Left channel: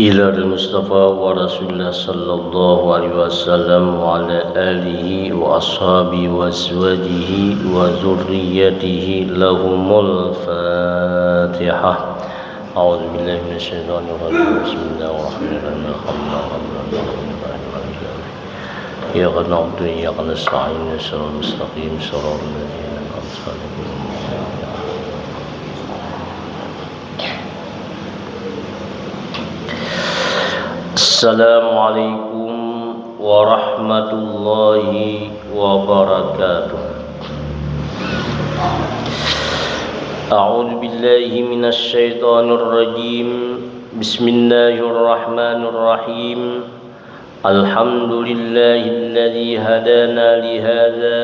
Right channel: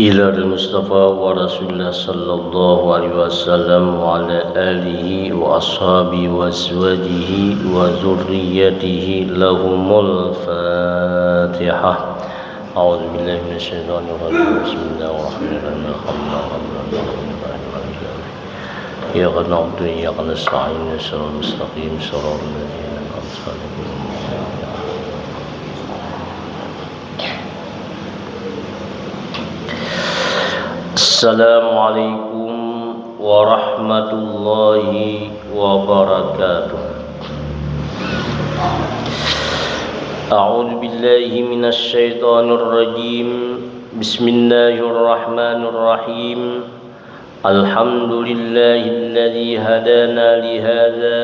إلى المصطفى ورسول الله صلى الله عليه وسلم وعلى آله وأصحابه وأزواجه وذريته لهم الفاتحة. أعوذ بالله من الشيطان الرجيم. بسم الله الرحمن الرحيم. إياك نعبد وإياك نستعين صراط المستقيم صراط الذين أنعمت عليهم. Assalamualaikum warahmatullahi wabarakatuh. A'udzu billahi minasy syaithanir rajim. Bismillahirrahmanirrahim. Alhamdulillahilladzi hadana li hadza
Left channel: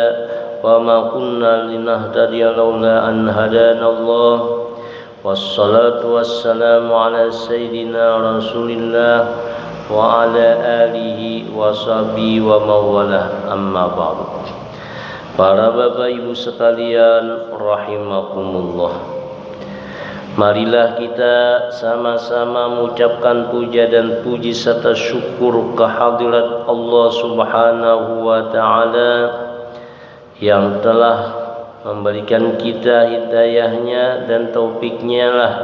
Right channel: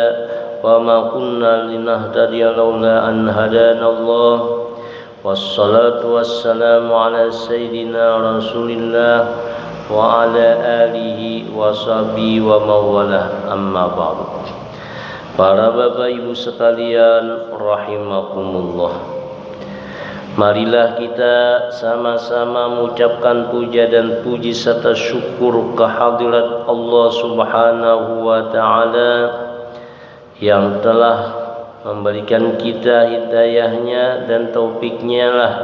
wa ma kunna linahtadiya laula an hadanallah. Wassalatu wassalamu ala sayyidina Rasulillah wa ala alihi wa sahbihi wa mawalah, amma ba'du. Para bapak ibu sekalian rahimakumullah, marilah kita sama-sama mengucapkan puja dan puji serta syukur kehadirat Allah Subhanahu wa ta'ala yang telah memberikan kita hidayahnya dan taufiknya lah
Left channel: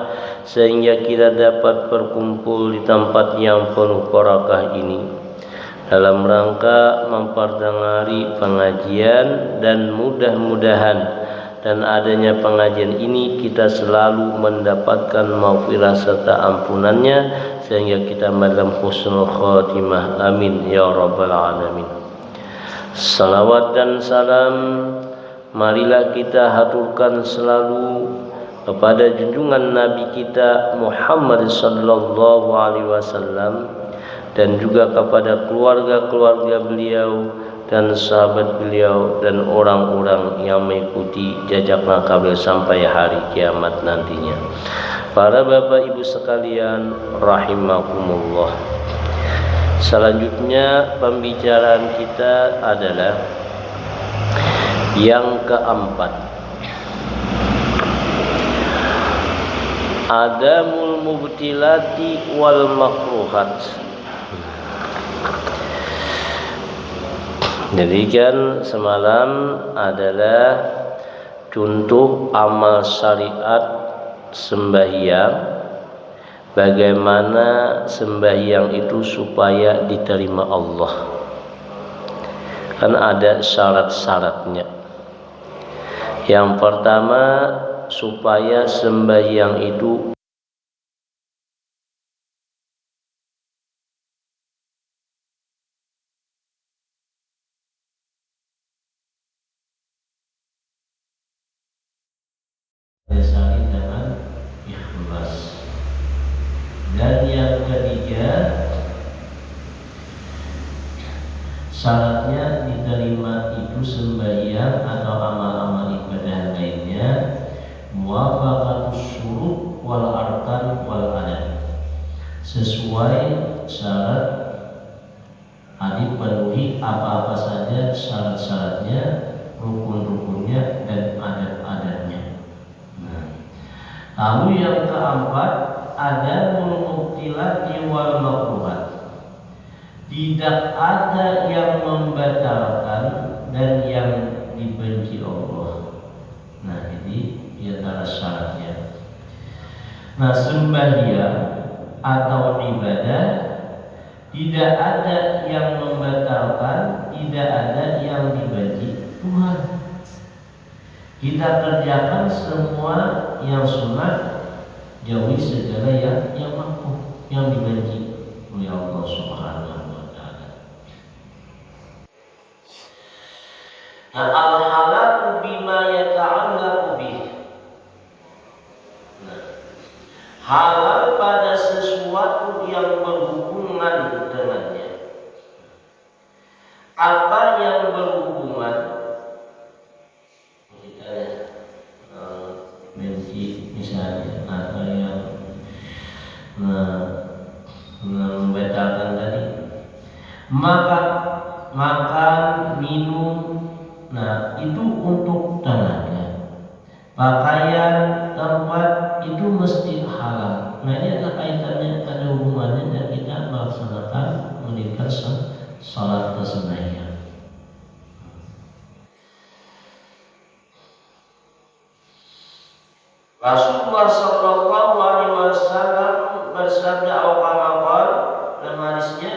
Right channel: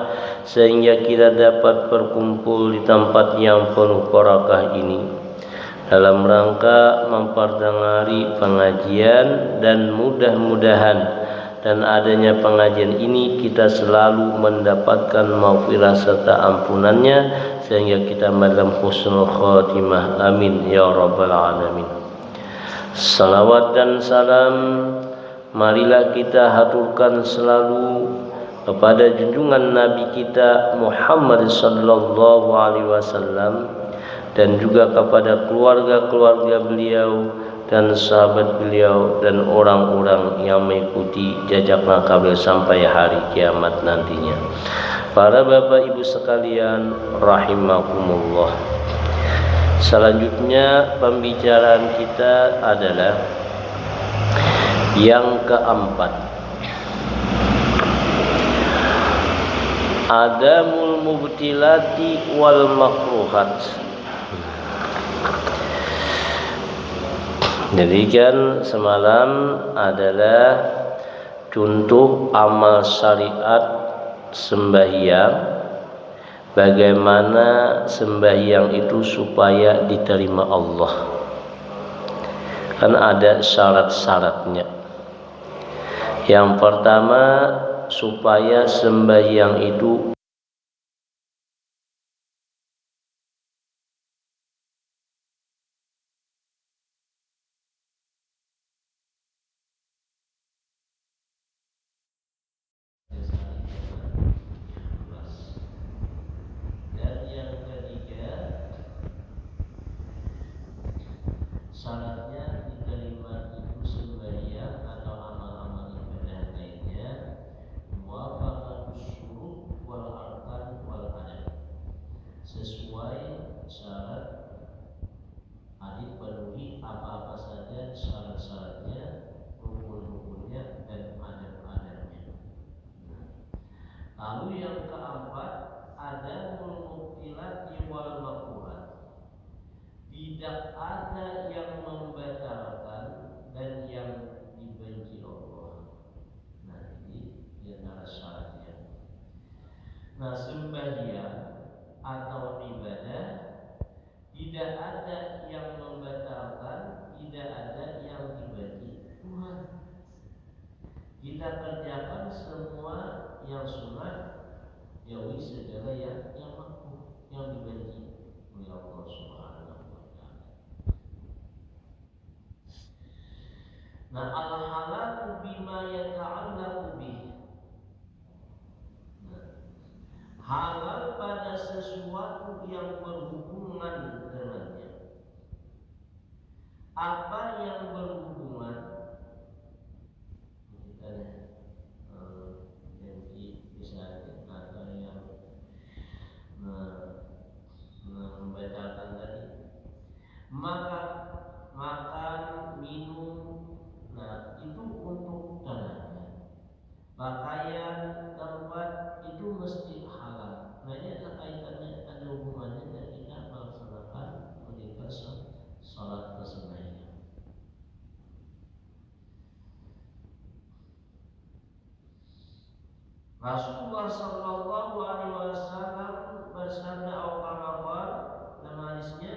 sehingga kita dapat berkumpul di tempat yang penuh barakah ini dalam rangka memperdengari pengajian, dan mudah-mudahan dan adanya pengajian ini kita selalu mendapatkan maghfirah serta ampunannya sehingga kita dalam husnul khatimah, amin ya rabbal alamin. Salawat dan salam marilah kita haturkan selalu kepada junjungan Nabi kita Muhammad sallallahu alaihi wasallam dan juga kepada keluarga-keluarga beliau dan sahabat beliau dan orang-orang yang mengikuti jejak langkah beliau sampai hari kiamat nantinya. Para bapak ibu sekalian rahimakumullah. Selanjutnya pembicaraan kita adalah yang keempat, adamul mubtilati wal makruhat. Jadi kan semalam adalah contoh amal syariat sembahyang, bagaimana sembahyang itu supaya diterima Allah. Kan ada syarat-syaratnya. Yang pertama, supaya sembahyang itu dasari dengan ikhlas. Dan yang ketiga, syaratnya diterima itu sembahyang atau amal-amal ibadah lainnya muwafaqatus syurut wal arkan wal adat, sesuai syarat, dipenuhi apa-apa saja syarat-syaratnya, rukun-rukunnya dan adat-adatnya. Lalu yang keempat, adamul mubtilati wal makruhat. Tidak ada yang membatalkan dan yang dibenci Allah. Nah, ini di antara syaratnya. Nah, sembahyang atau ibadah tidak ada yang membatalkan, tidak ada yang dibenci Tuhan. Kita kerjakan semua yang sunat, jauhi segala yang makruh, yang dibenci oleh Allah Subhanahu wa ta'ala. Nah, al-halaku bima yata'allaqu bih. Halal pada sesuatu yang berhubungan dengannya. Apa yang berhubungan? Kita benci misalnya, atau yang membatalkan tadi, makan, minum. Nah, itu untuk tenaga. Pakaian, tempat itu mesti halal. Nah, ini ada kaitannya, ada hubungannya mendirikan salat sembahyang. Rasulullah Shallallahu Alaihi Wasallam bersabda, "Awqamaqal," dalam hadisnya,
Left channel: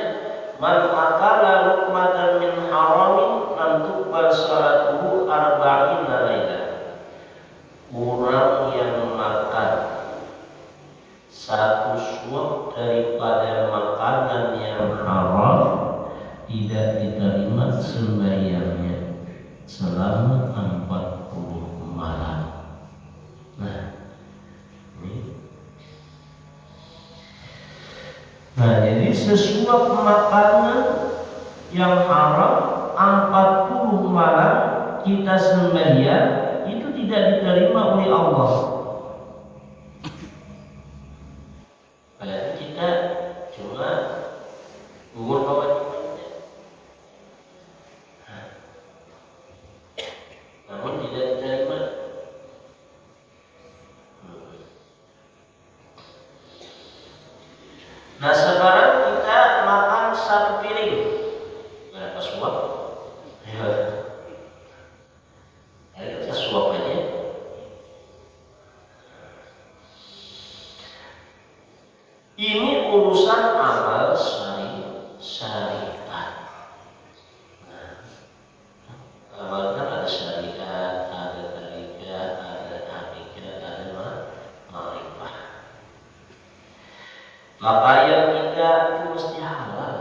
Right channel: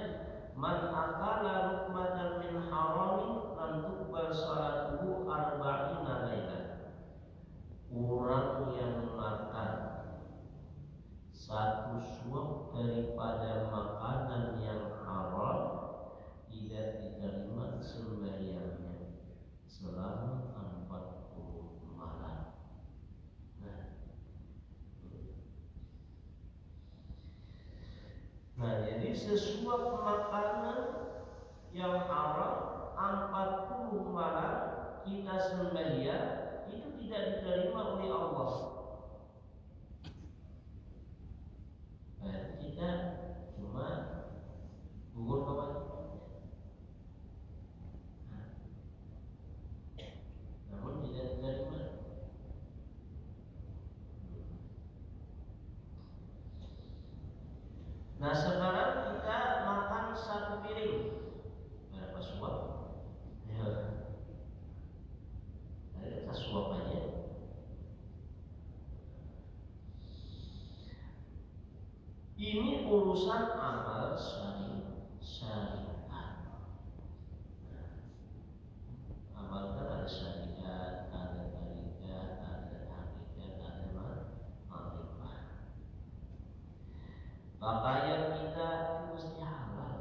"Man akala luqmatan min haramin lam tuqbal salatuhu arba'ina laila." Orang yang makan satu suap daripada makanan yang haram tidak diterima sembahyangnya selama 40 malam. Nah, jadi sesuap makanan yang haram 40 malam kita sembahyang itu tidak diterima oleh Allah. Berarti kita cuma gugur kewajibannya, namun tidak diterima. Nah, sekarang kita makan satu piring, berapa suap? Ya, kita suap aja. Ini urusan amal syariat. Amal kan ada syariat, ada tarikat, ada hakikat, ada ma'rifah. Maka yang kita itu mesti halal.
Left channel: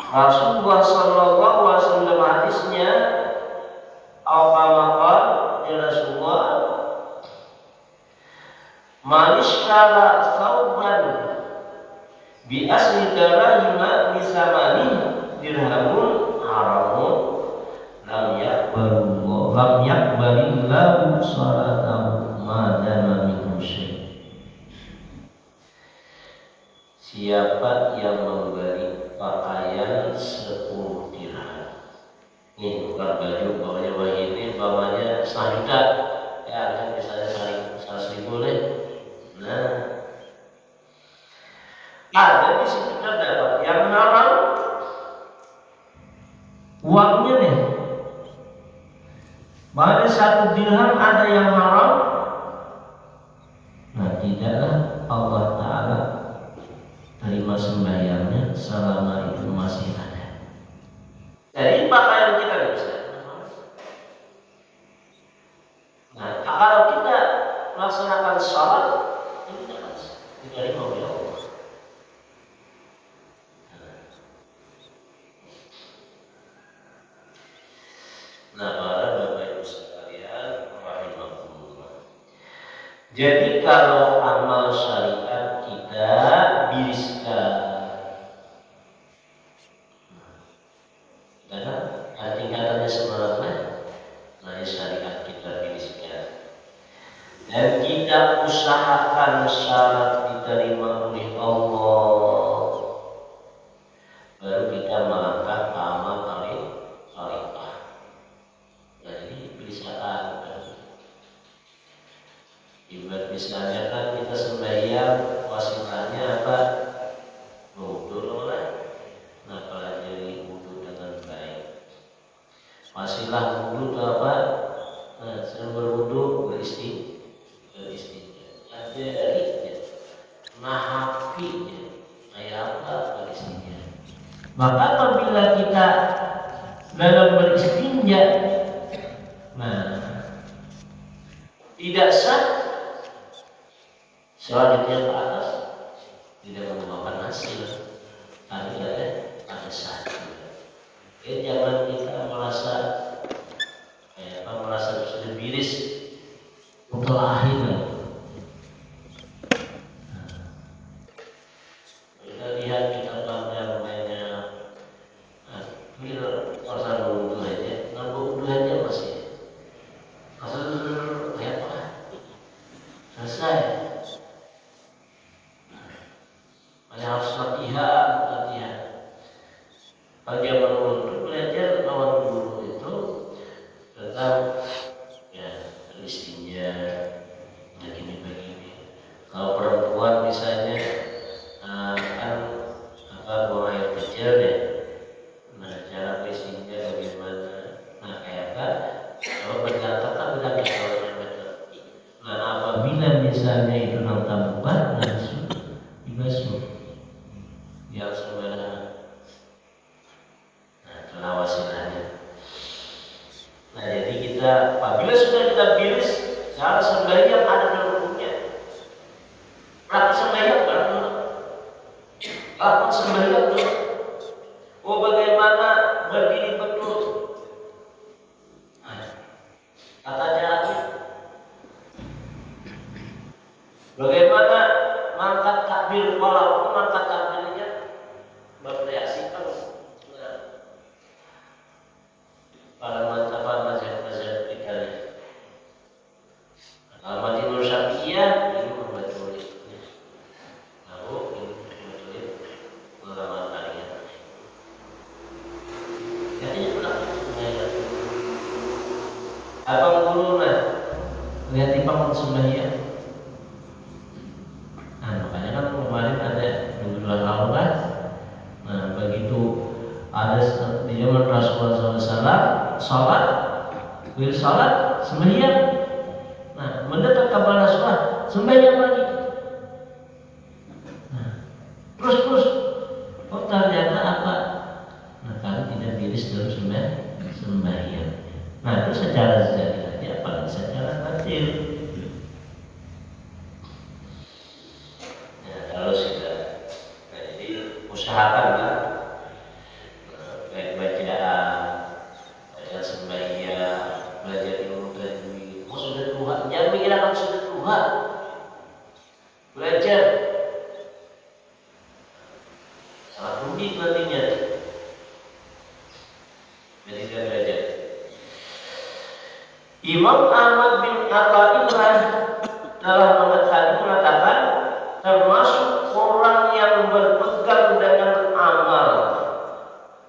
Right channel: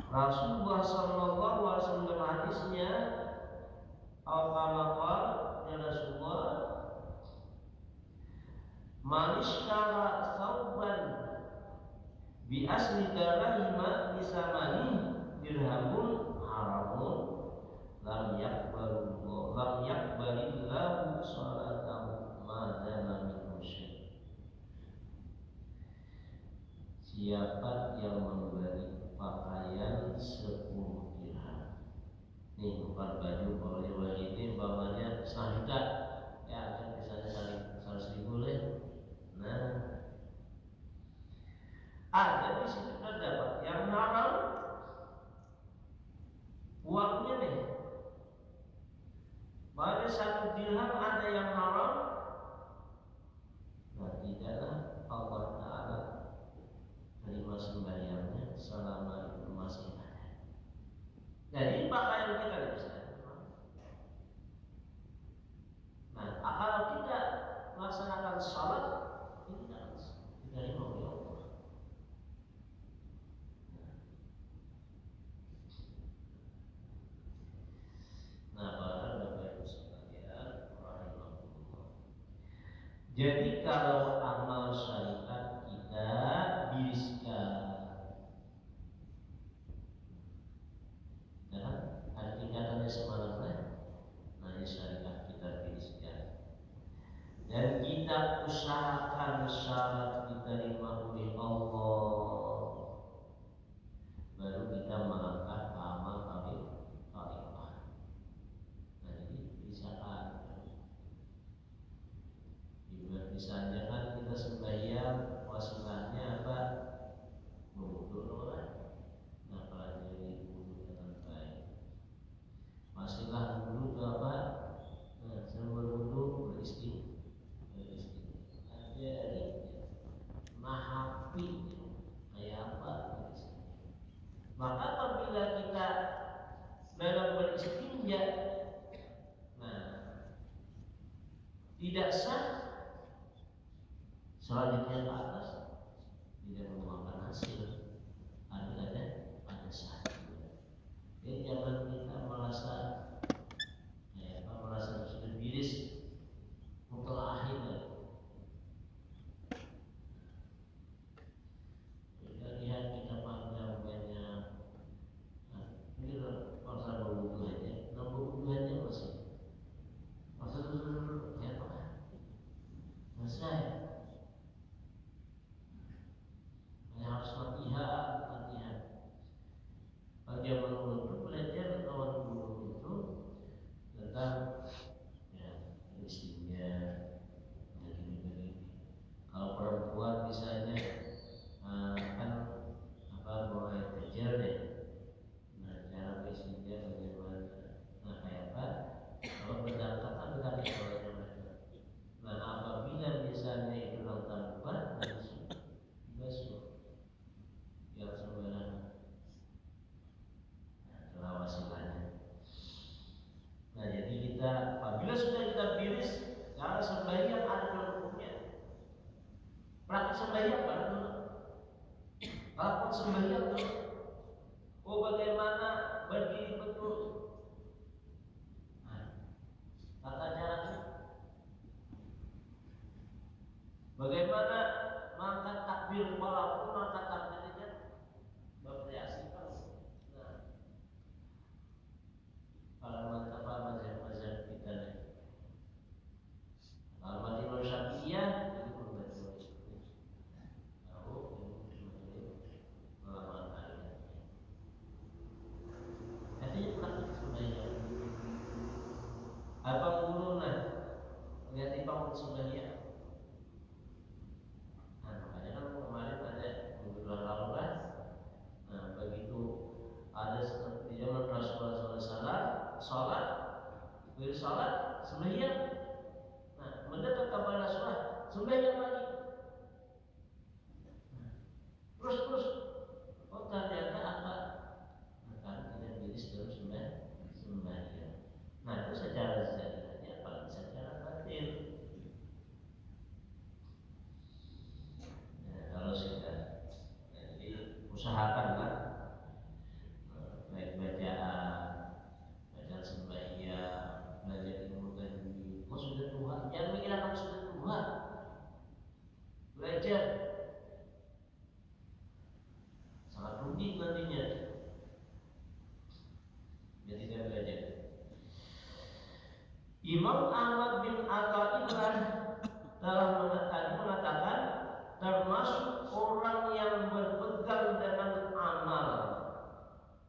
Rasulullah Shallallahu Alaihi Wasallam hadisnya, "Awqamaqal," ya Rasulullah, "Manishkara sauban bi asli darahima bisamani dirhamun haramun lam yakbalillahu salatahu madama minhu syai." Siapa yang memberi pakaian 10 dirham, ini bukan baju, bawahnya baju ini, bawahnya 1 juta, ya kan misalnya 100.000 deh. Nah, ada di situ terdapat yang haram uangnya nih. Pada 1 dirham ada yang haram. Nah, tidaklah Allah Ta'ala terima sembahyangnya selama itu masih ada. Jadi pakaian kita bisa. Nah, kalau kita melaksanakan sholat, ini diterima oleh Allah. Nah, para Bapak Ibu sekalian, rahimahullah. Jadi kalau amal syariat kita biriskan, karena tingkatannya sebenarnya, nah syariat kita biriskan, dan kita usahakan syarat diterima oleh Allah, baru kita melangkah ke amal syariat. Jadi biriskan. Ibarat misalnya kan kita sembahyang, wasilahnya apa? Wudu lah. Nah, pelajari wudu dengan baik. Wasilah wudu itu apa? Nah, sebelum berwudu beristinja. Pelajari nahafinya. Kayak apa beristinja? Maka apabila kita dalam beristinja, nah, tidak sah, selanjutnya ke atas tidak membawakan hasil, tapi ada sah. Jadi jangan kita merasa sudah biris untuk akhir. Kita lihat kita pandang namanya masa wudhu aja, wudhu aja masih kayak apa? Selesai. Harus latihan. Kalau dia menurut belajar lawan guru itu tentang istinja, begini. Kalau perempuan misalnya kan apabila misalnya itu nang bukan langsung dibasuh yang sebenarnya. Nah, itu nawasilannya. Nah, jadi kita apabila sudah kita bilis cara sembahyang ada dalam hukumnya. Praktik sembahyang kan? Lakukan sembahyang tuh. Oh, bagaimana berdiri betul? Nah, tata caranya. Bagaimana mangkat takbir, walaupun mangkat takbirnya bervariasi kan? Nah, pada mazhab kita ini. Kalau mazhab Syafi'iyah ini membaca lalu ini membaca ulama kalian. Jadi pernah sembahyang. Abang guru lah lihat di panggung sembahyang. Nah, makanya kan kemarin ada dua lalu kan. Nah, begitu ada di zaman Rasulullah SAW sholat, beliau sholat sembahyang. Nah, mendekat kepada sholat sembahyang lagi. Nah, terus oh ternyata apa? Nah, kalau tidak biris dalam sembahyang. Nah, itu secara zahir saja, apalagi secara batin. Ya, kalau sudah, nah, jadi usahakanlah baik bacaan, bacaan sembahyang, belajar ilmu tajwid. Oh, sudah Tuhan, jangan mengira sudah Tuhan. Belajar sangat rumit nantinya. Jadi dia belajar. Imam Ahmad bin Athaillah dalam mengatakan termasuk orang yang berpegang dengan amal,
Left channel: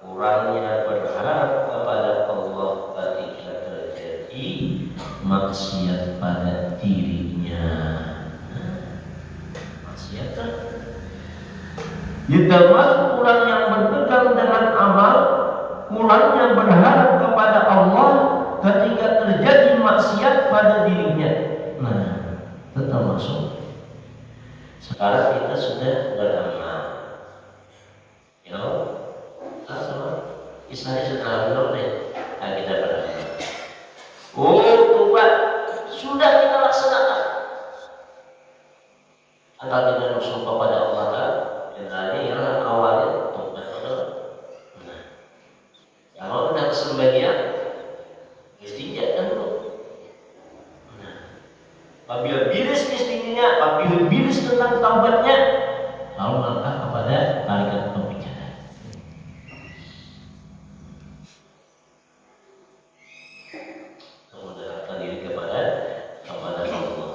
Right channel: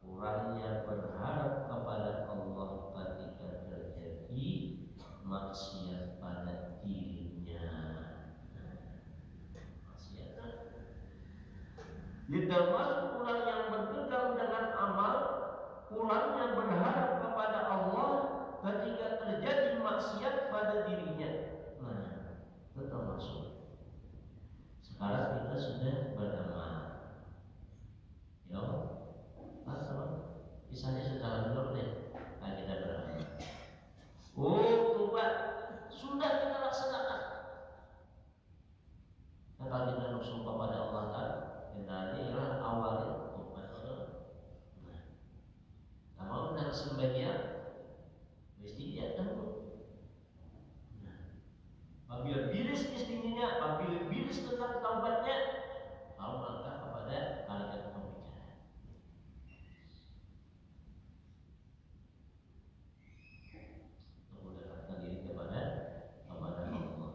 orangnya berharap kepada Allah ketika terjadi maksiat pada dirinya. Maksiat kan? Termasuk orang yang berpegang dengan amal, orangnya berharap kepada Allah ketika terjadi maksiat pada dirinya. Nah, itu termasuk. Sekarang kita sudah beramal. Ya, sama istilahnya sudah benar nih. Nah, kita beramal. Oh, coba sudah kita laksanakan. Atau kita bersyukur kepada Allah kan? Yang ialah awalnya tobat. Nah, kalau sudah sembahyang istrinya kan dulu. Nah, apabila bilis istrinya, apabila bilis tentang taubatnya, lalu melangkah kepada tarikat pembicaraan. Mendekatkan diri kepada Allah.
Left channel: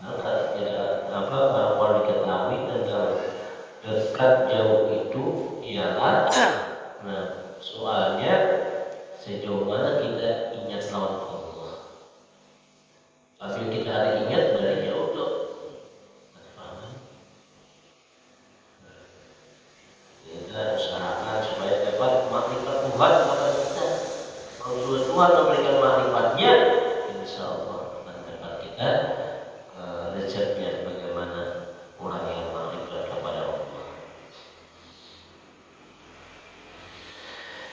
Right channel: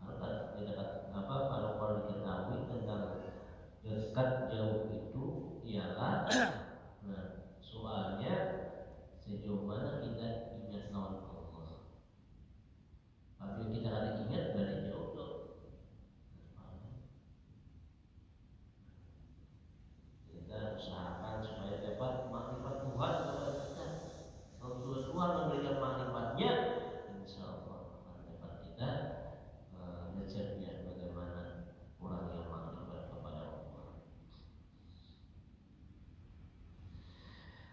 Karena tidak apa kalau diketahui tentang dekat jauh itu ialah, nah soalnya sejauh mana kita ingat lawan Allah. Tapi kita ada ingat dari jauh tuh. Kita usahakan supaya dapat makrifat Tuhan kepada kita. Kalau Tuhan memberikan makrifat-Nya, insya Allah akan dapat kita resepnya bagaimana orang yang makrifat kepada Allah.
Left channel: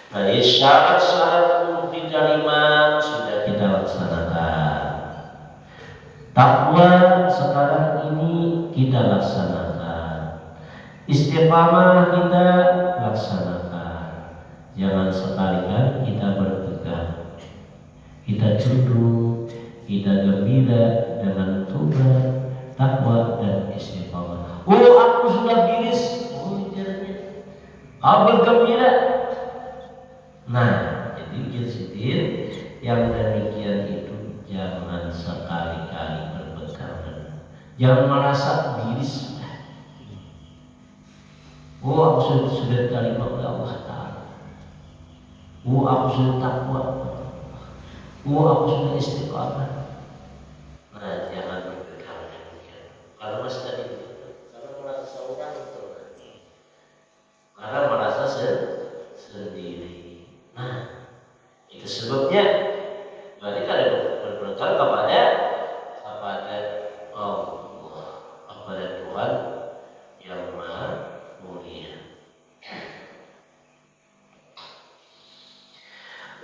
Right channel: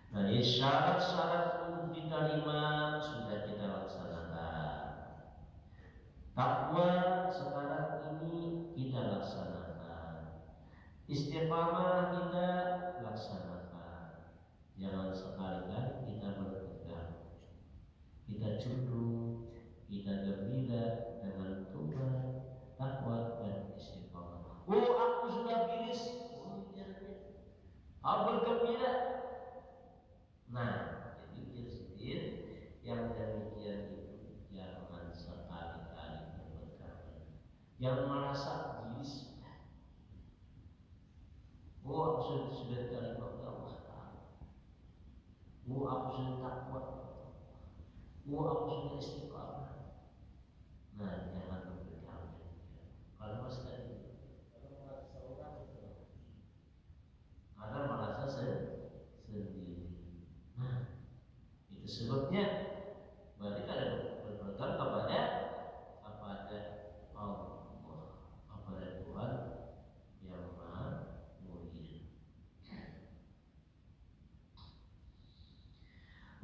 Nah, syarat-syarat untuk diterima sudah kita laksanakan. Takwa sekarang ini kita laksanakan. Istiqamah kita laksanakan. Jangan sekali-kali kita berpegang. Kita tunduk, kita gembira dengan tobat, takwa dan istiqamah. Oh, aku sudah bilis. Oh, caranya. Aku bergembira. Nah, jadi ujian yang demikian itu jangan sekali-kali berpegang. Jangan merasa bilis. Oh, aku sudah terima oleh Allah Ta'ala. Oh, aku sudah takwa. Oh, aku sudah istiqamah. Nah, jangan berpegang demikian. Karena masih tadi, karena merasa seorang itu, karena merasa sendiri. Nah, itu sebabnya. Berarti kalau berpegang kepada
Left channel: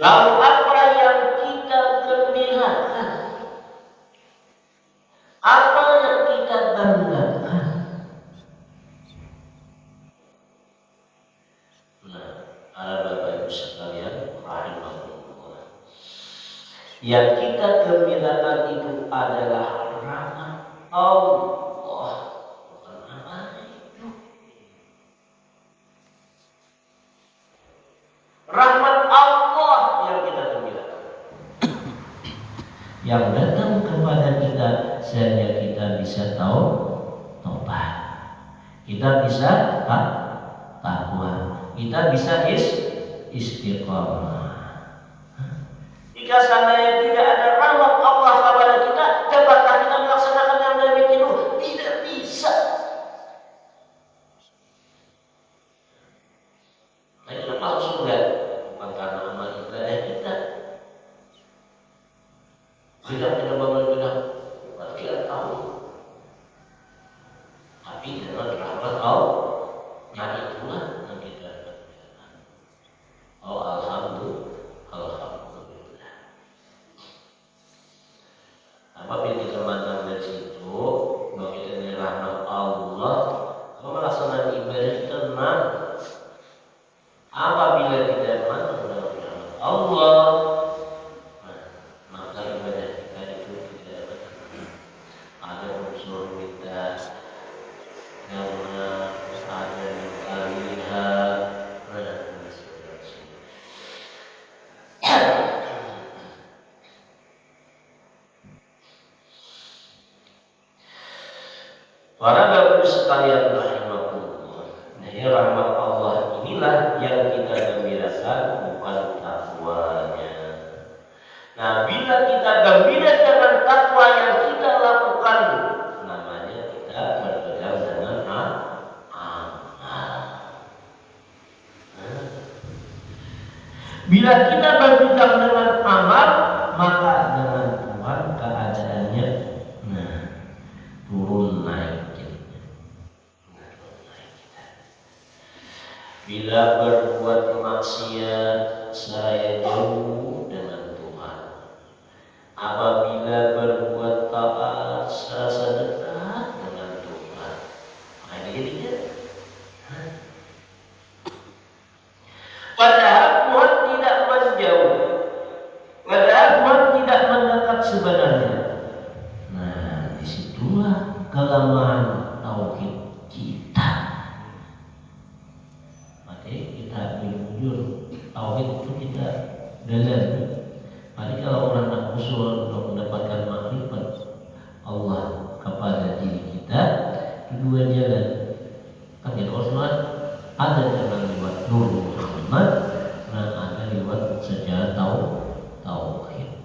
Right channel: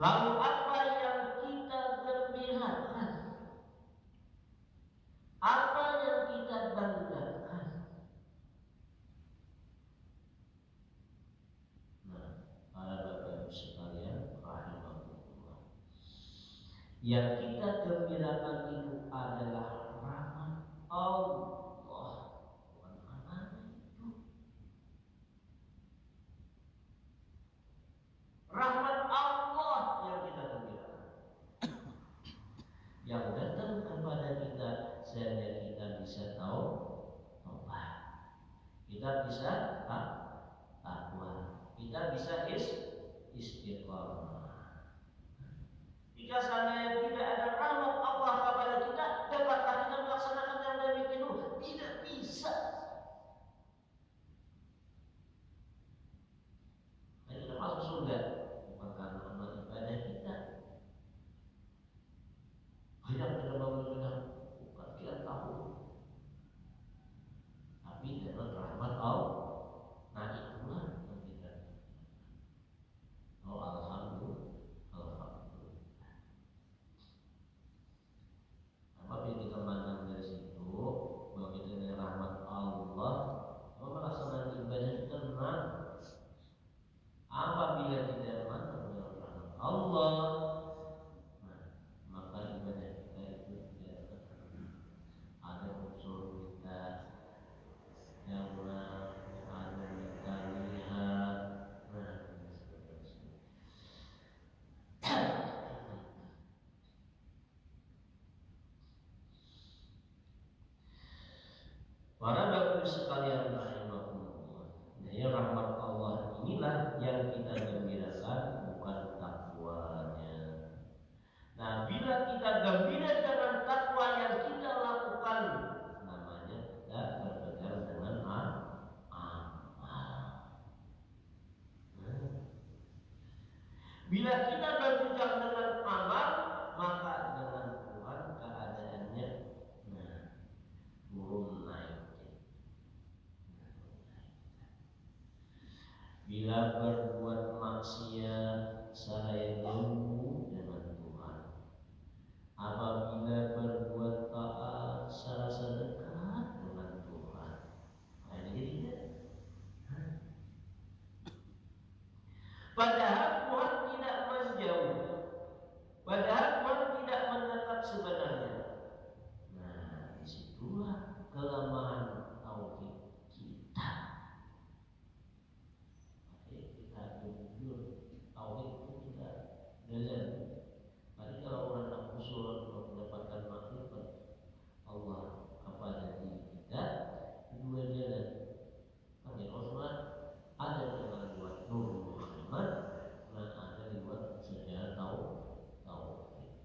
Lalu apa yang kita gembirakan? Apa yang kita banggakan? Nah, para Bapak Ibu sekalian, rahimahullah. Yang kita gembirakan itu adalah rahmat Allah. Bukan apa itu. Rahmat Allah yang kita gembirakan. Yang datang kepada kita sehingga kita bisa tahu tobat. Kita bisa takwa. Kita bisa istiqomah. Jika seandainya tidak ada rahmat Allah kepada kita, dapatkah kita melaksanakan yang demikian itu? Tidak bisa. Nah, itu masuk surga bukan karena amal ibadah kita. Tidak kita bangun bilang, kita tahu. Tapi dengan rahmat Allah, yang itulah yang kita dapatkan. Oh, alhamdulillah. Apabila kita mandang dari situ, bahwa kita ini rahmat Allah, melaksanakan ibadah kita tenang. Apabila kita mandang dari rahmat Allah, maka ibadah kita itu tidak ada unsur kita yang ada yang kita lihat. Para Bapak Ibu sekalian rahimahullah. Nah, rahmat Allah inilah yang kita gembirakan, bukan takwanya. Nah, bila kita gembira dengan takwa yang kita lakukan, namanya kita berpegang dengan amal. Bila kita berpegang dengan amal, maka dengan Tuhan keadaannya turun naik. Bila berbuat maksiat, saya jauh dengan Tuhan. Apabila berbuat taat, serasa dekat dengan Tuhan. Makanya jadinya. Padahal Tuhan tidak menjauh. Padahal Tuhan tidak mendekat sebenarnya. Nah, disitulah kelemahan tauhid kita. Kita jujur, tauhid itu kita dalami. Mari kalau orang nak usul untuk mendapatkan makrifat Allah kepada diri kita, dua jalan. Kan ya Rasulullah ada jalan lewat Nur Muhammad, dan ada lewat sejarah tauhid.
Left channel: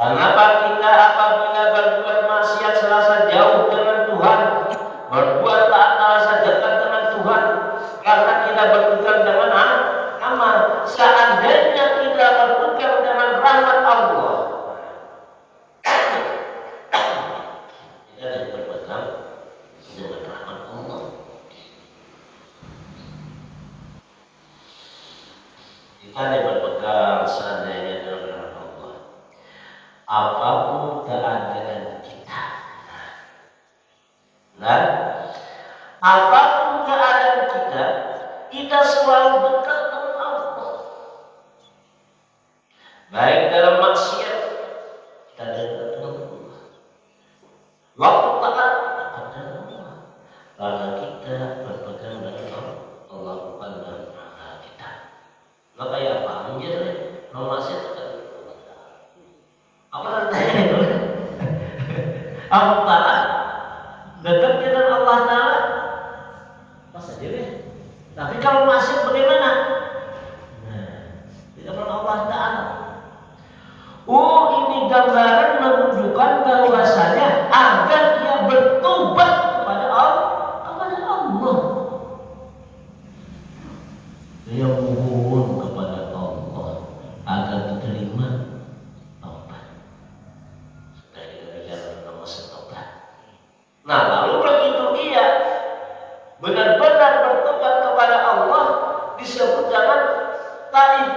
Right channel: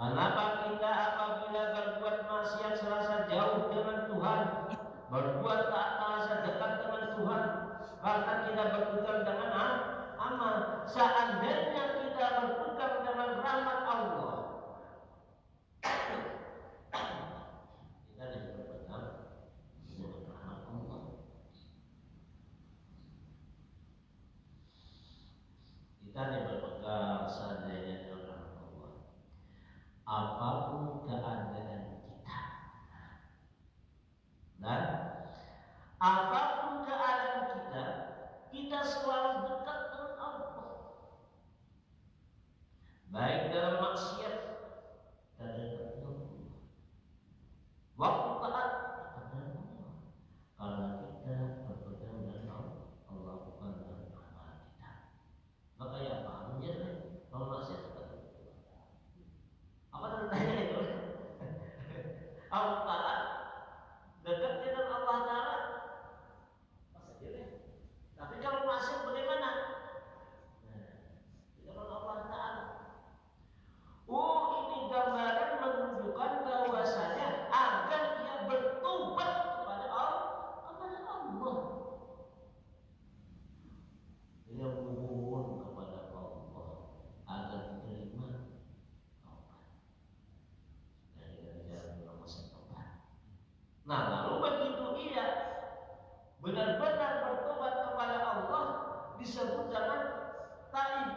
Kenapa kita apabila berbuat maksiat serasa jauh dengan Tuhan, berbuat taat serasa dekat dengan Tuhan, karena kita berpegang dengan amal. Seandainya kita berpegang dengan rahmat Allah, kita tidak berpegang dengan rahmat Allah. Kita tidak berpegang seandainya dengan rahmat Allah. Apapun keadaan kita, dan apapun keadaan kita, kita selalu dekat dengan Allah. Baik dalam maksiat, kita dekat dengan Allah. Waktu taat, dekat dengan Allah. Karena kita berpegang dengan Allah, bukan dengan akal kita. Maka ya apa? Menjadi maksiat dekat. Apa artinya itu? Aku taat dekat dengan Allah Ta'ala, pas saja deh. Tapi kalau masih bagaimana? Nah, tidak pernah Allah Ta'ala. Oh, ini gambaran menunjukkan bahwasanya agar dia bertobat kepada Allah. Dia mohon kepada Allah Nah, lalu begitu ia benar-benar bertobat kepada Allah, disebut dengan taib.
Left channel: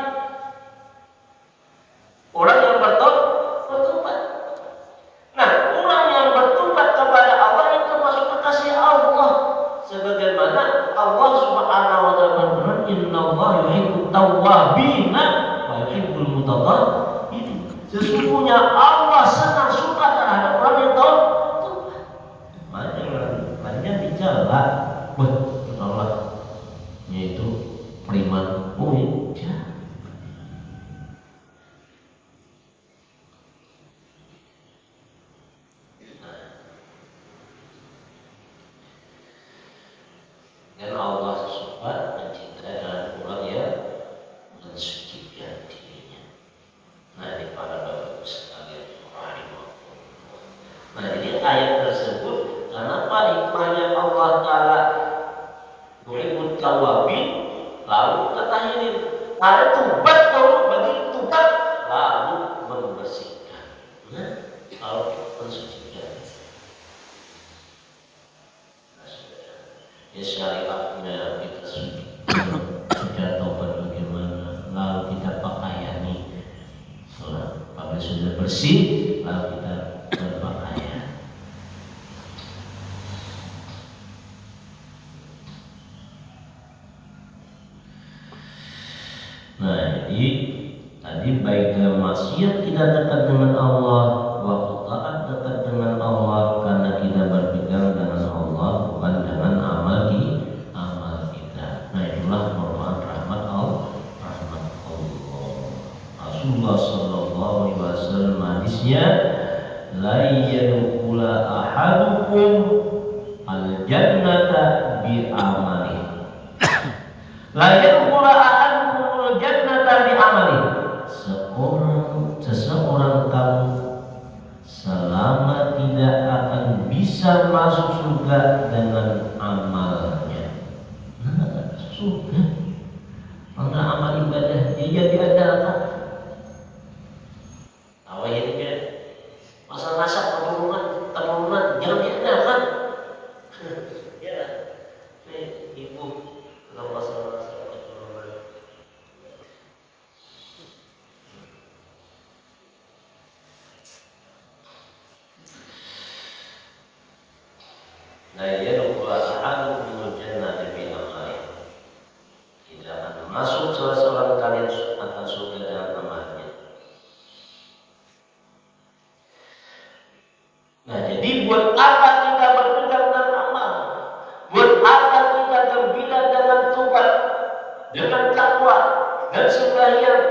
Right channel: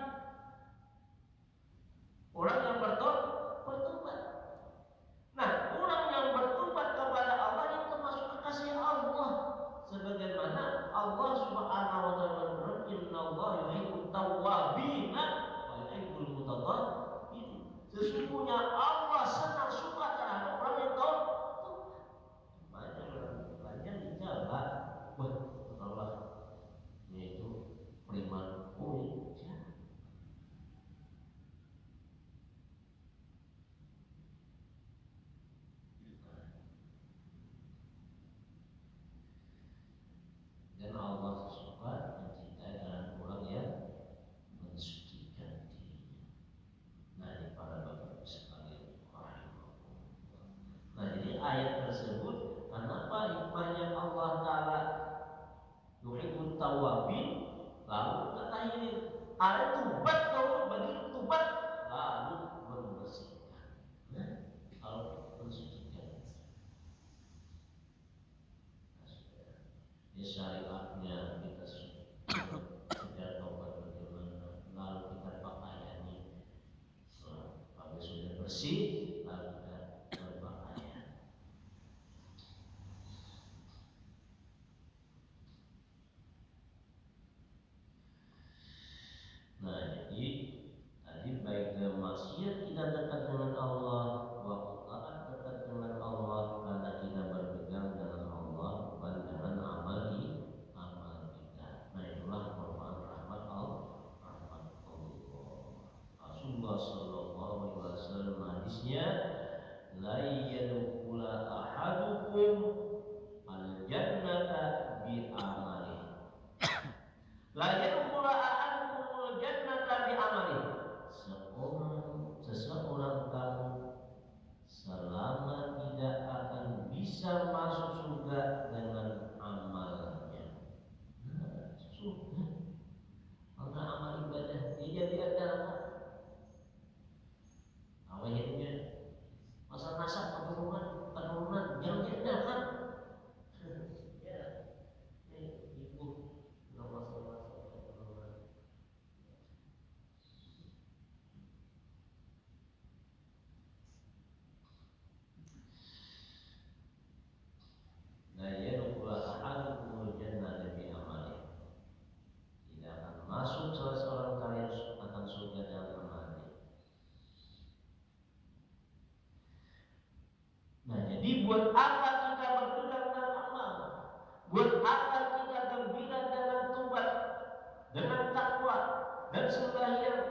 Orang yang bertobat. Nah, orang yang bertobat kepada Allah itu termasuk kekasih Allah. Sebagaimana Allah Subhanahu wa taala berfirman, "Innallaha yuhibbut tawwabina wa yuhibbul mutatahhirin." Sesungguhnya Allah senang suka terhadap orang yang tobat. Banyak bicara, Allah yaitu prima puja. Dan Allah suka mencintai orang yang mensucikan dirinya. Nah, ini para bapak sekalian, nah, jadi ayat tersebut kenapa hikmahnya Allah Ta'ala yuhibbut tawwabin, lalu kata ini ada tobat, kalau begitu tobat lalu membersihkan, lalu mensucikan. Ya, syariatnya kita sudah tobat bagaimana, lalu kita pakaiani, apabila sudah bersih lalu kita berpakaian. Nah, jadi tadi baik dalam maksiat kita dekat dengan Allah, waktu taat dekat dengan Allah, karena kita berpegang dengan Allah bukan dengan amal kita. Nah, itulah merupakan rahmat Allah. Rasulullah Sallallahu Alaihi Wasallam hadisnya, la yadkhula ahadukum al jannata bi amali. La yadkhula ahadukum al jannata bi amali. Seseorang kamu selama tidak akan bisa masuk surga dengan amalnya. Nah, surga karena amal ibadah dia jadi andalkan. Awal ini kan masa nasab keturunan jangan diandalkan. Ya, ibu kalau masalah keturunan. Nah, ya Rasulullah ahadukum jannati bi amali. Tidak akan masuk salah seorang kalian akan surga dengan amalnya. Nah, jadi buat apa kita berpegang dengan amal? Buat apa kita gembira dengan tobat, dengan takwa dan sembahyang?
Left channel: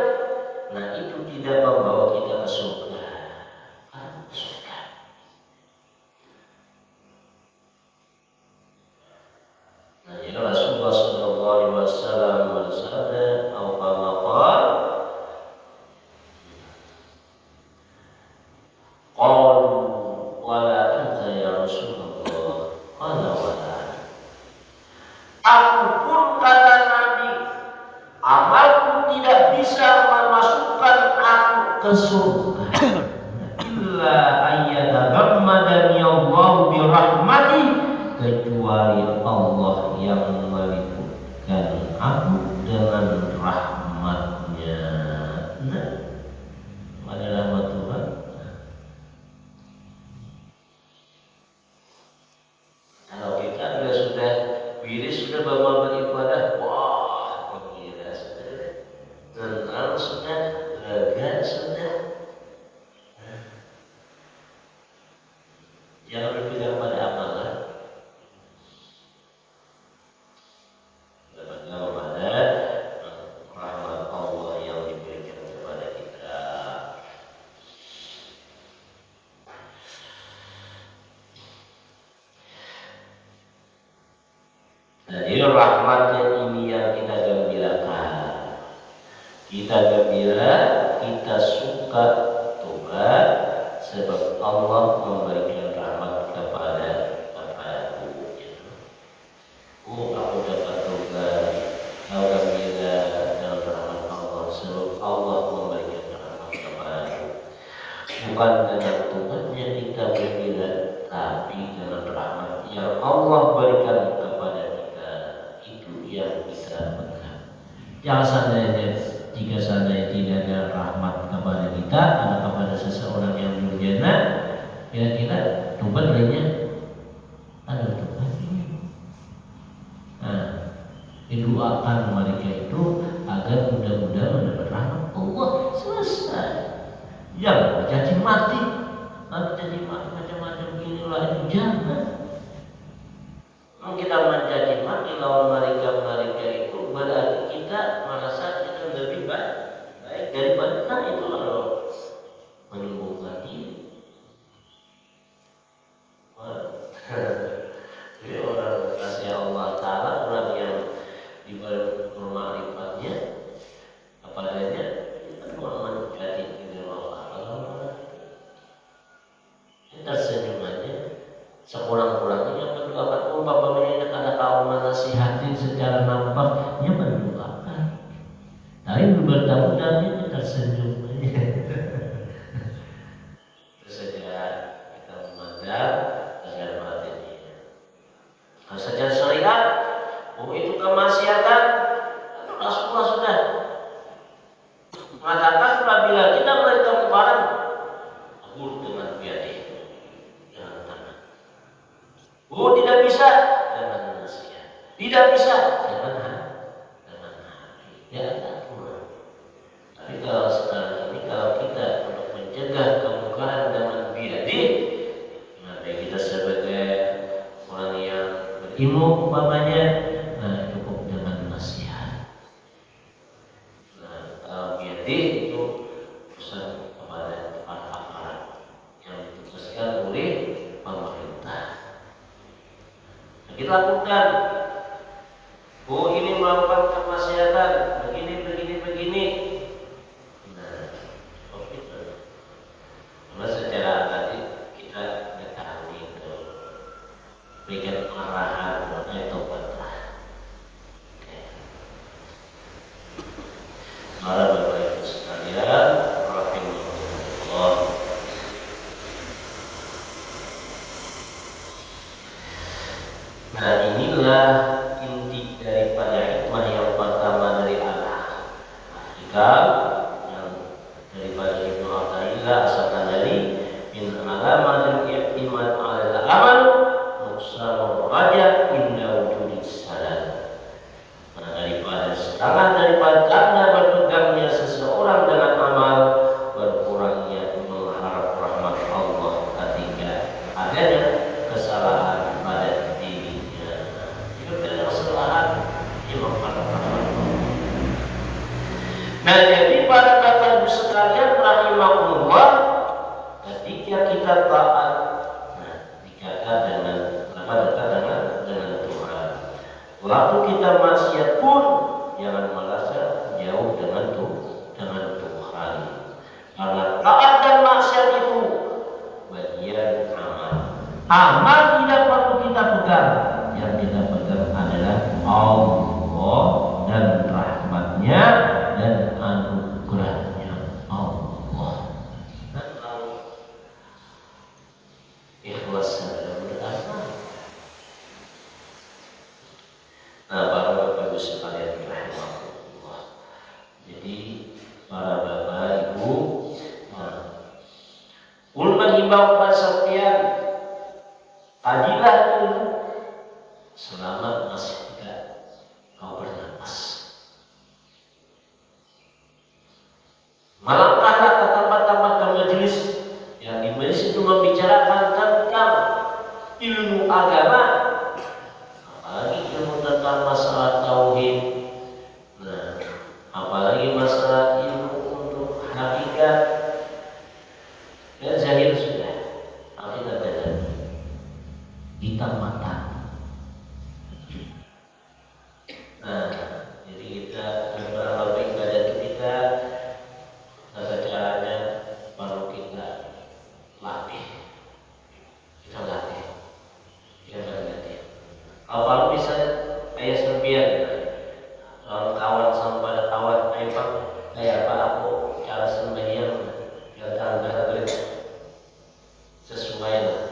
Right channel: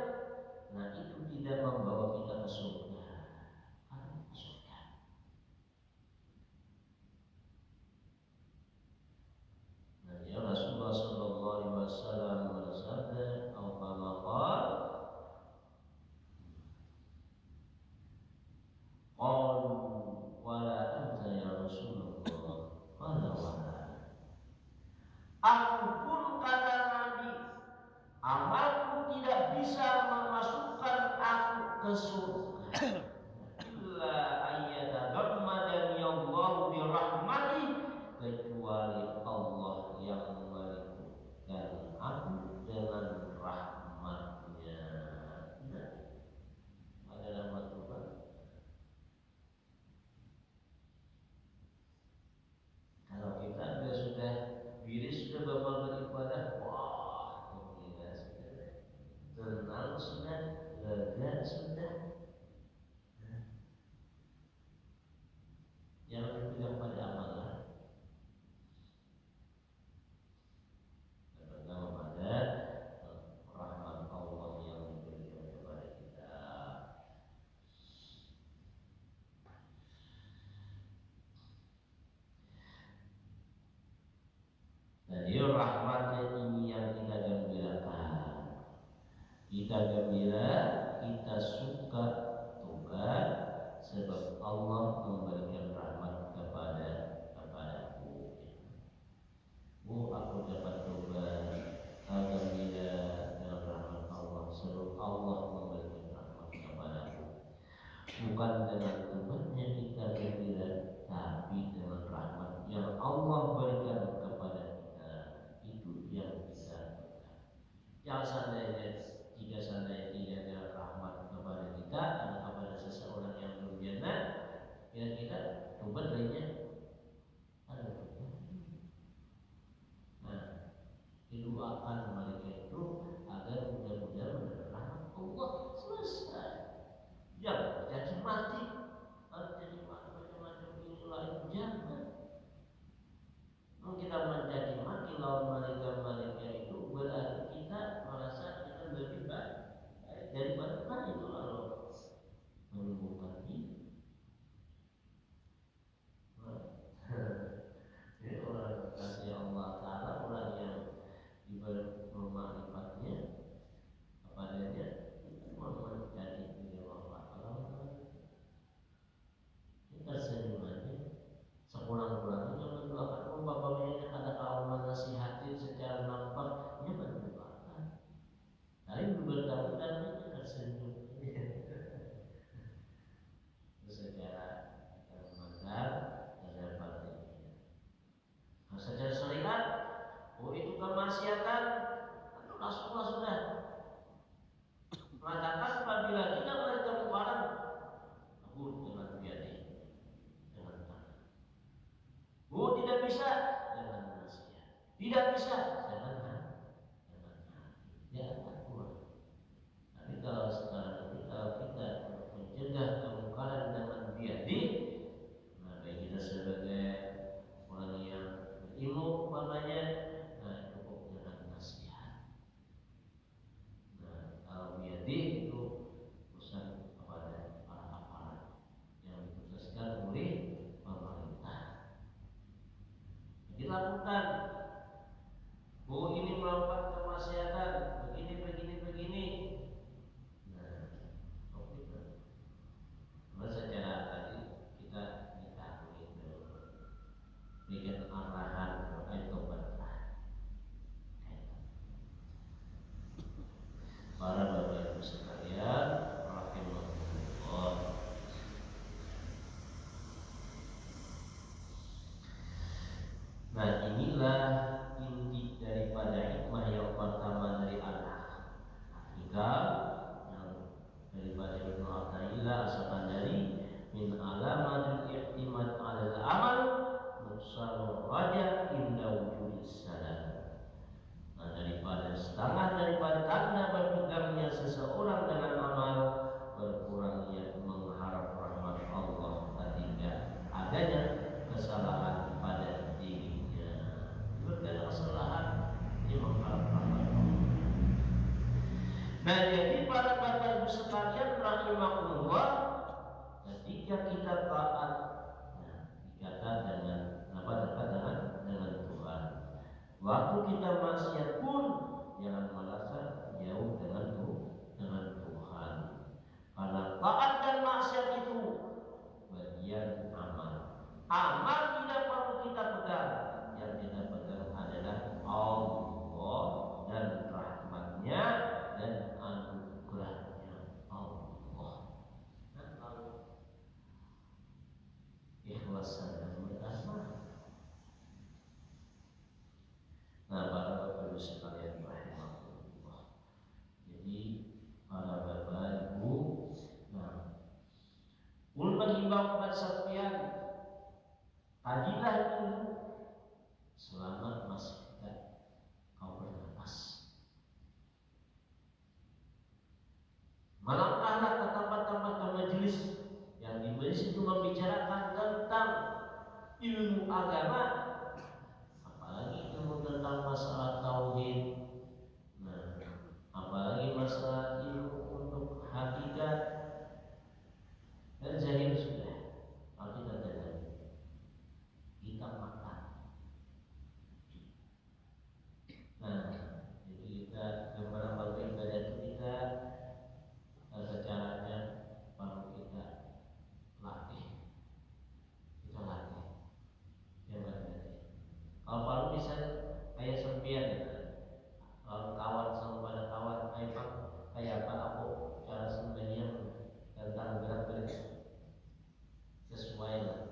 Nah, itu tidak membawa kita ke surga. Nah, jadi Rasulullah Sallallahu Alaihi Wasallam bersabda, "Au kama qala, qalu wala anta ya Rasulullah, qala wala." Aku pun kata Nabi, amalku tidak bisa memasukkan aku ke surga. Illa ayyatagammadani Allah bi rahmati, kecuali Allah yang meliputkan aku dengan rahmatnya. Nah, ada rahmat Tuhan. Kalau kita sudah wiris, sudah bawa beribadah, wah, gembira sudah, tenang sudah, lega sudah. Jangan berpikir pada amalan. Jadi rahmatnya ini yang kita gembirakan. Kita gembira, kita suka tobat, sebab Allah memberikan rahmat kepada aku. Aku dapat tobat, kau gembira dengan rahmat Allah, sebab Allah memberikan rahmat kepada aku. Bukan dengan tobatnya kita gembira, tapi dengan rahmat Allah berikan kepada kita itu yang kita pegang. Jangan seandainya jika seandainya tidak ada rahmat kepada kita, ada kepada seseorang yang durjana, kira-kira tobat lainnya ada tobat. Nah, didoakan mereka itu agar mudah-mudahan mendapat rahmat Allah. Selesai. Yang jadi mati, nanti jadi mati macam-macam inilah itu jangan. Kita menjadi mati lawan mereka itu berarti kita merasa kita lebih baik daripada itu kalau menyembuhkan diri. Jadi orang kasih Allah Ta'ala, orang yang diberi bermakrifatnya apadanya kita menjadi diri Allah. Ini tersenyumannya sekurang-kurangnya mendoakan umpamanya ada kaum menasihati secara nampak dia mendoakan, tapi bertemu dalamnya tersenyum. Terus saja kita memandang agar batinnya. Nah, secara syariat, itu kemaksiatan. Rasulullah sudah mengatakan apabila kita bertemu barang, akur dengan biadih. Tidak bisa dengan manusia, tidak bisa dengan hati. Ya, tapi kalau sekarang ini kalau kita untuk mencegah kemungkaran dengan biadi, nah kita sebagai orang yang berilmu umpamanya, nah cukup dengan nasihat. Nah kalau biadi itu urusan kepada aparat yang ditugaskan oleh pemerintah. Kita lakukan. Ini melakukan kemaksiatan begini. Nah, itu. Karena secara tadi kita mengetahui itu berikan arahan itu tobatlah. Para Bapak Ibu sekalian, rahimahullah. Nah, inilah inti daripada hikmah yang pertama dari Allah. Hikam yang daripada Ibnu Athaillah asalkan dari min alamatil i'timad 'alal amal nuqsanur raja inda wujudis salam. Nah, daripada tanda berpegangnya seseorang dengan amal, berkurangnya mengharap rahmat Allah ketika adanya kesalahan pada dirinya. Jika ada kesalahan, dia mengharap rahmat Allah. Nah, jadi para Bapak Ibu sekalian rahimahullah, ketika kita taat, nah, dikatakan dengan dekat dengan Tuhan. Waktu kita maksiat pun jangan merasa jauh dengan Tuhan. Karena taat dan maksiat itu bagian amal. Amal tidak perlu kita pegang. Yang kita pegang adalah Allah dan rahmatnya dan anugerahnya Allah. Dan kalau ikhlas dalam beramal. Nah, para Bapak Ibu sekalian rahimahullah. Jadi para Bapak Ibu, menghimbau kepada sekalian, kajilah ilmu selama masih tidak kau bernapas. Melangkahlah ke tempat-tempat majelis yang di majelis itu membicarakan tentang ilmu agama, apalagi ilmu tentang masalah tauhid. Nah, apalagi masalah ilmu untuk hakikat dan zahir sudah, hakikat dan zahir hitam mata. Nah, jadi kita beberapa ibadah kita tata caranya perlu kita latih. Kita latih. Kalau bisa kayak serpian, kalau kawan sama pada kawan, kayak apa aku cara sembahyang yang sesuai lah.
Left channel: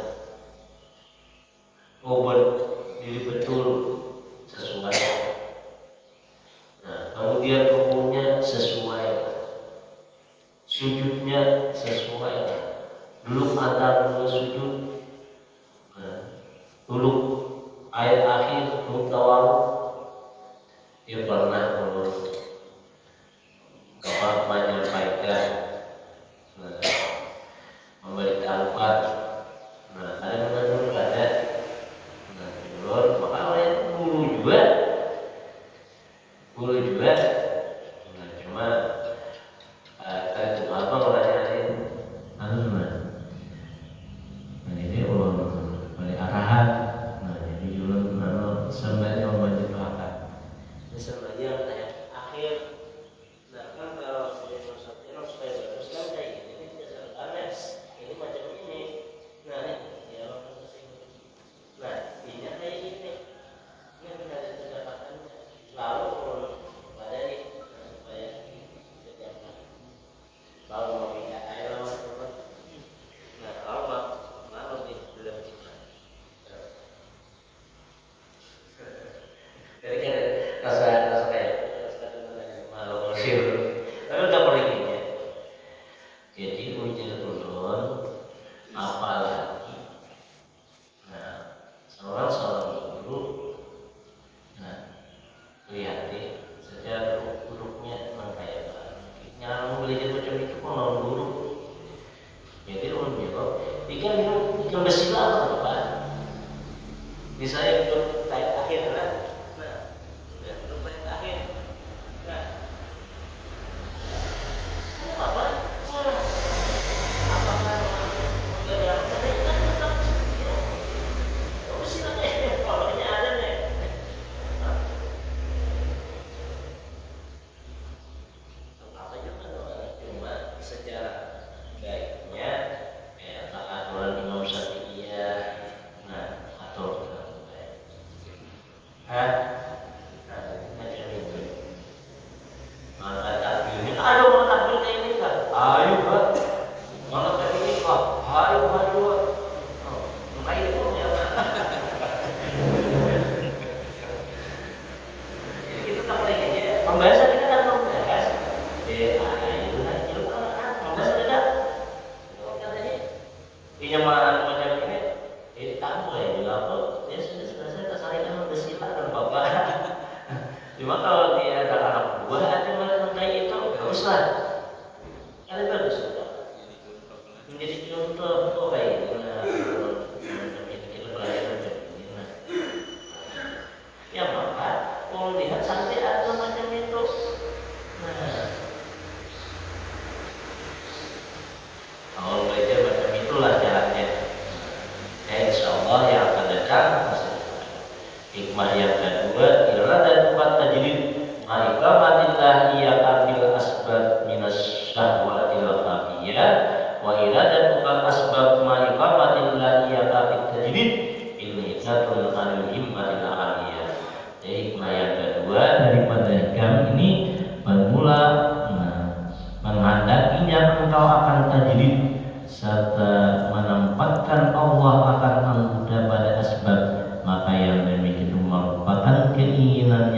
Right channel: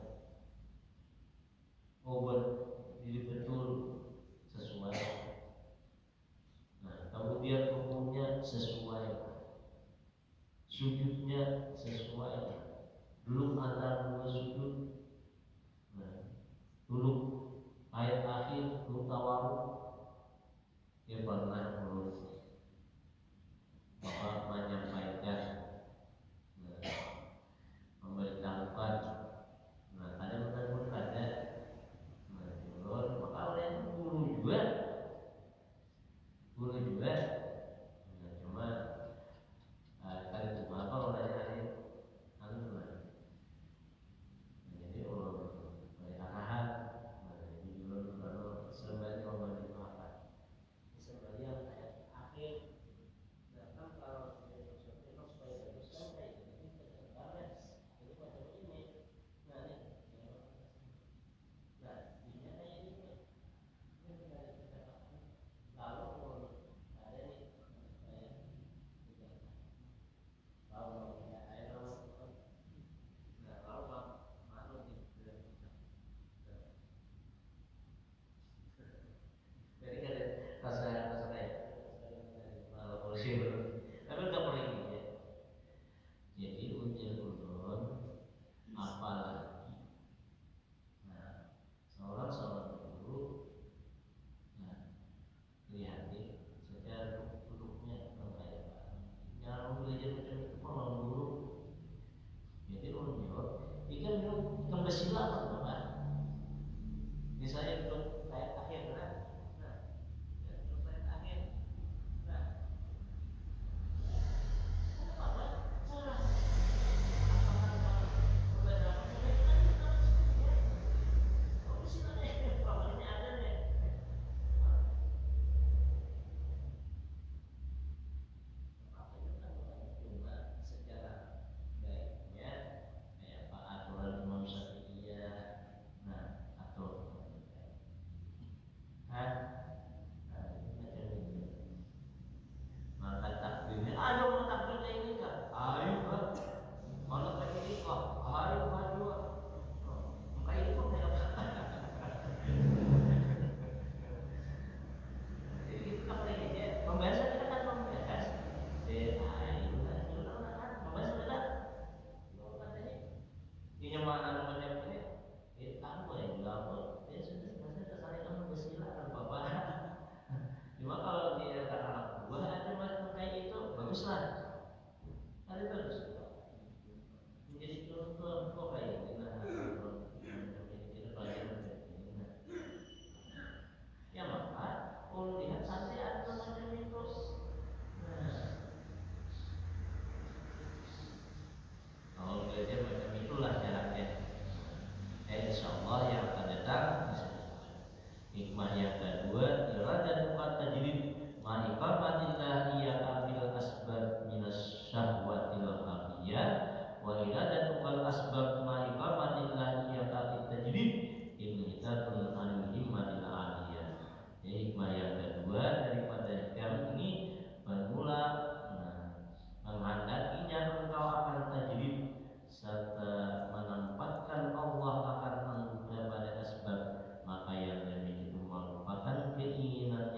bersilah apa? Di saya belum tayat akhir kan? Nah, ya, belum tayat akhir. Nah, apa? Apakah enggak yang tadi kan tetap ya? Bersilah deh, kalau ini ada nih. Apa juga cuma sejarah baiknya aturan Imam Syafi'iyah. Nah, atau macam itu. Maka takbirnya, ayo mau takbir kayak ini kan? Ayo kan? Mau kayak ini kok? Ayo maju. Oh, kayak itu ya. Jadi kita tak boleh aja. Pembahasan kita kan membahas. Itu kan itu kan pembahasan tidak. Katanya pinjaman macam ini, tamu ya juga apa? Ya sudah selesai tersaring udah silakan bapak. Cuma kalau dia ada anak buah ada malah kayak itu nggak usah. Kan bagus menjadi contoh kok kayak gimana kita pelajaran begini. Nah, ya maka kalau lihat sampai ada macam itu. Nah, kalau belajar macam itulah caranya. Insya Allah yang akan datang hikmah yang kedua iradat buat tajrid ma'ikamatillah ia ambil asbab minas syahwatil khafiyah wa iradat buat asbab ma'ikamatillah ia ambil tajrid ilmihatun anil himmatil aliyah. Jadi hikmah yang kedua daripada hikam ini bermula menghendakinya engkau akan tajrid serta menempatkan Allah akan menggoda pada asbab, maka yang demikian merupakan keinginan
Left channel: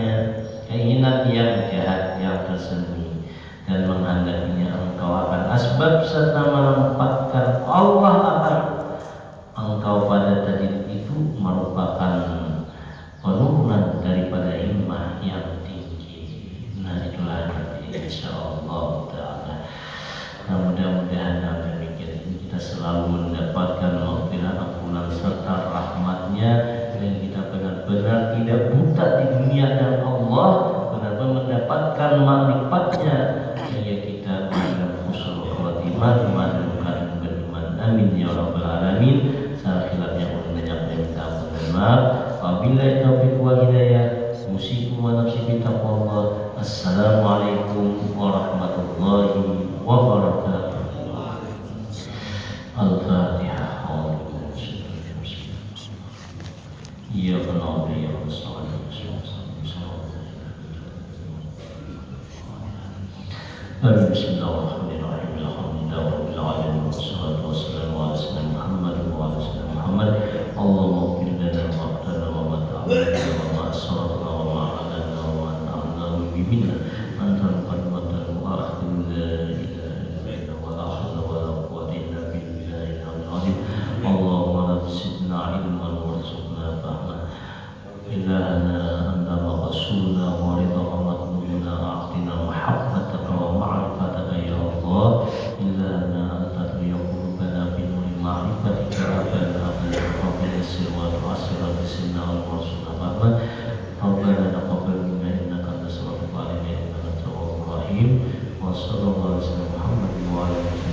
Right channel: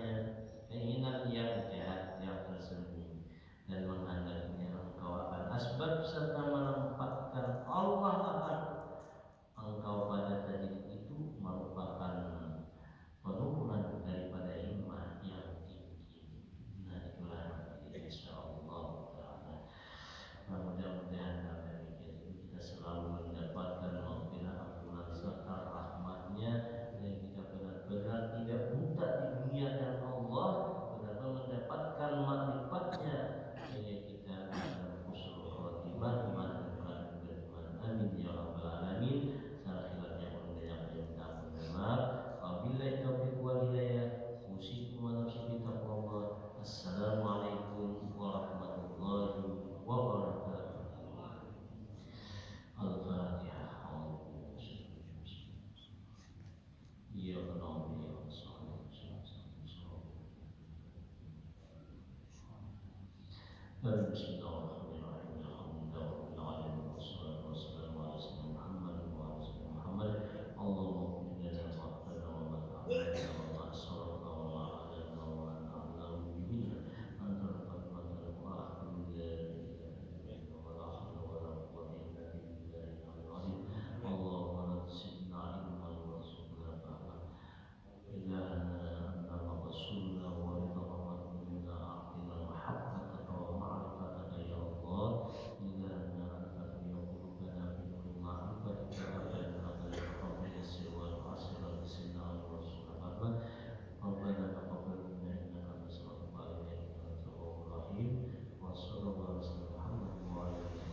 yang jahat yang tersembunyi, dan menghendakinya engkau akan asbab serta menempatkan Allah akan engkau pada tajrid itu merupakan penurunan daripada himmah yang tinggi. Nah itulah insyaallah ta'ala. Nah, mudah-mudahan kita selalu mendapatkan maghfirah ampunan serta rahmatnya, dan kita benar-benar tidak buta di dunia dan Allah benar-benar mendapatkan makrifat-Nya, sehingga kita menjadi husnul khatimah dan beriman. Amin ya rabbal alamin. Salah khilafnya ulun banyak minta maaf. Wabillahi taufiq wal hidayah. Usikum wa nafsi bi taqwallah. Assalamualaikum warahmatullahi wabarakatuh. Al-Fatihah. Ya Allah ya Rasulullah. Bismillahirrahmanirrahim. Alhamdulillahirabbil alamin. Wassalatu wassalamu ala sayyidina Muhammad wa ala sayyidina Muhammad. Allahumma ighfir lana ma qaddamna wa ma ta'akhkharna wa ma asrarna wa ma a'lanna wa ma anta minna. Anta al-muqaddim wa akhir la ilaha illa anta wa la hawla wa la quwwata illa billahi al-'azim. Allahumma zidna ilman warzuqna fahma. Ilahana anta rasuluna wa ridha matmuna a'tina mahabbataka wa ma'rifataka ya Allah. Ilahana anta qulubana bi nuri ma'rifatika rabbana bil sirwa wa asra bisinna wa rasuluna fahma. Rabbana taqabbal minna innaka antas samiul alim innaka antal tawwabur rahim. Wa sallallahu alaihi wa sallam Muhammad wa alihi